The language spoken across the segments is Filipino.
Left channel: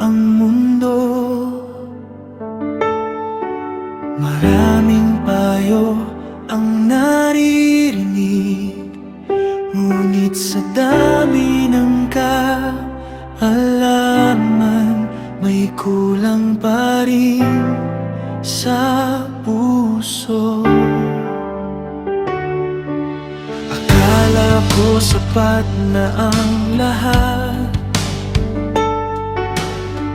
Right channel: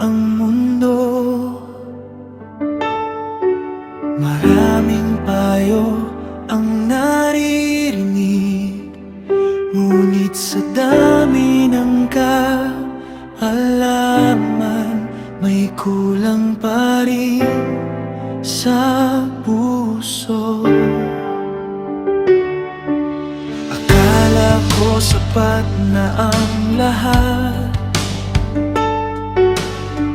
ang mundo. Maraming payo ang naririnig, ngunit sa dami ng kaalaman, may kulang pa rin sa puso. Akala ko sapat na ang lahat,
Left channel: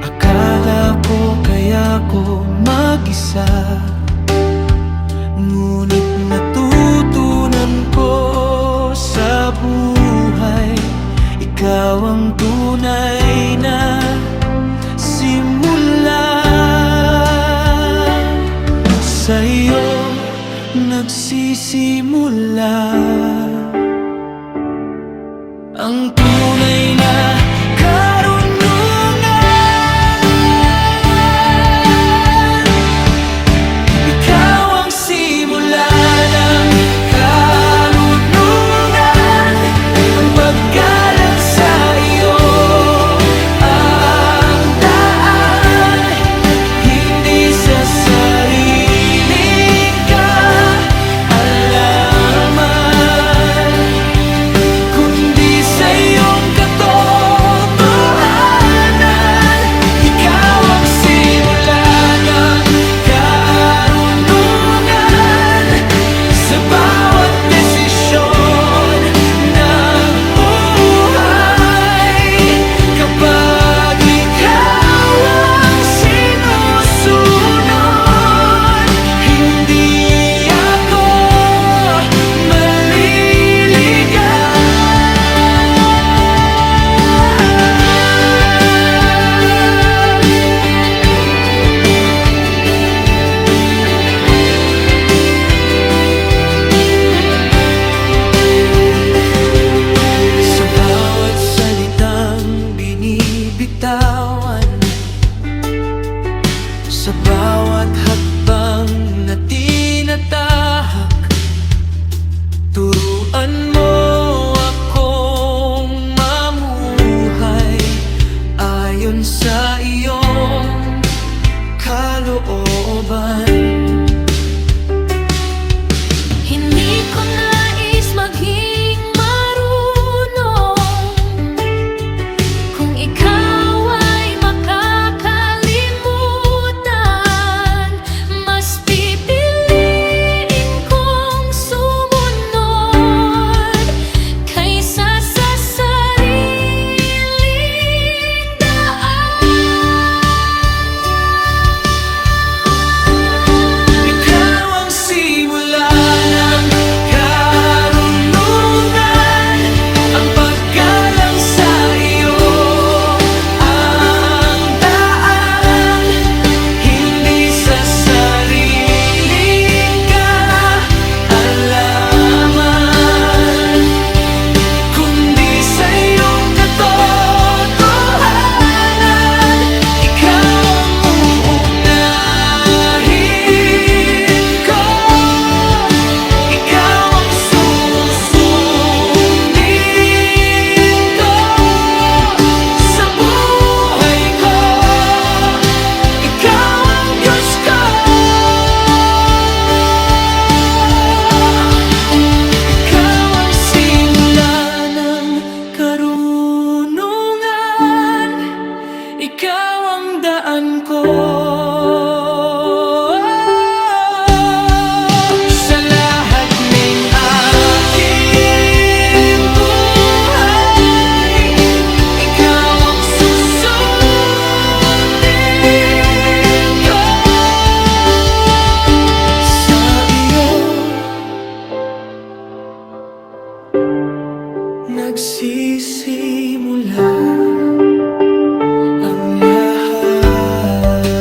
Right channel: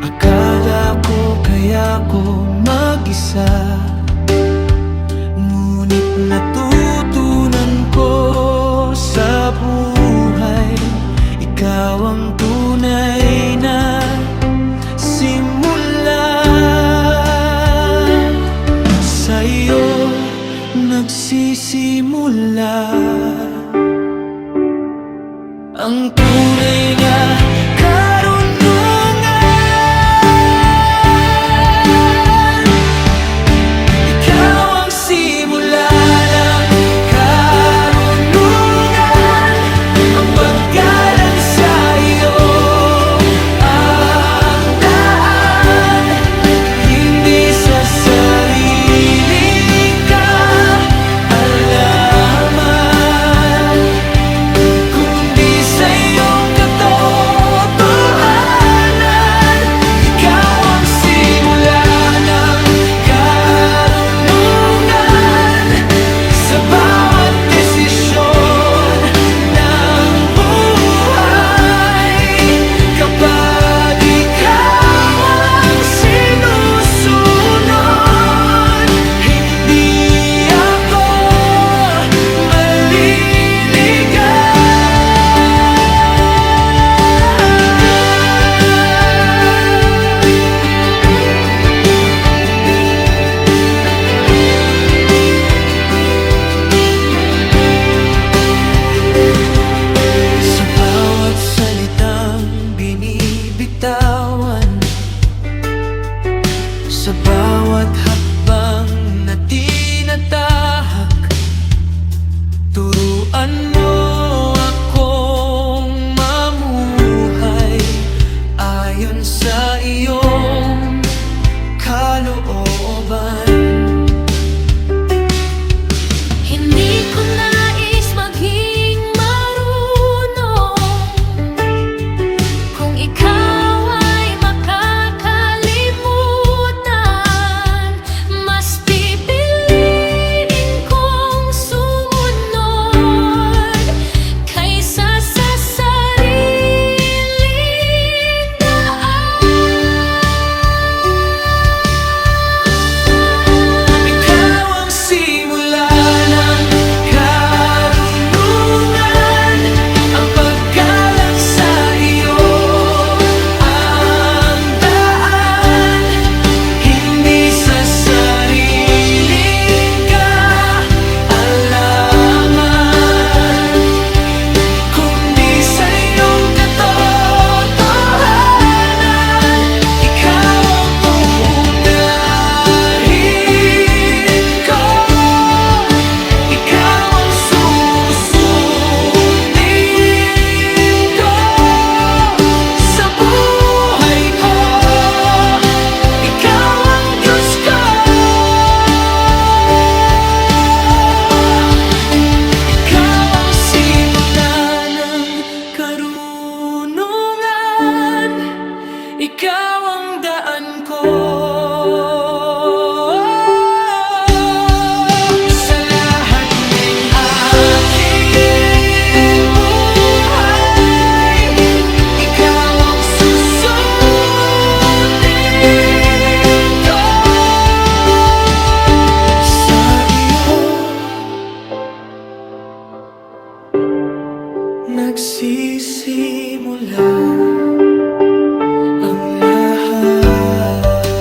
akala ko kaya ko mag-isa. Ngunit natutunan ko sa buhay, ikaw ang tunay na simula. Sa'yo nagsisimula ang tunay na karunungan. Ikaw ang simula ng karunungan, ang paggalang sa iyo ang daan, hindi sa sariling kaalaman, kundi sa iyong katotohanan. Ikaw ang simula ng karunungan sa bawat desisyon ng buhay. Kapag ikaw ang sinusunod, hindi ako sa bawat salitang binibitawan, sa bawat hakbang na tinatahak, turuan mo akong mamuhay ayon sa iyong kalooban. Hindi ko nais maging marunong kung ikaw ay makakalimutan. Mas pipiliin kong sumunod kaysa sa sariling daan. Ikaw ang simula ng karunungan, ang paggalang sa iyo ang daan, hindi sa sariling kaalaman, kundi sa iyong katotohanan. Ikaw ang uunahin ko, ikaw ang susundin ko sa buhay ko. Ikaw ang Diyos ko, ikaw ang simula ng karunungan, ikaw ang daan ko. Sa lahat ng aking buhay, ikaw ang susundin ko. Sa iyo nagsisimula ang lahat.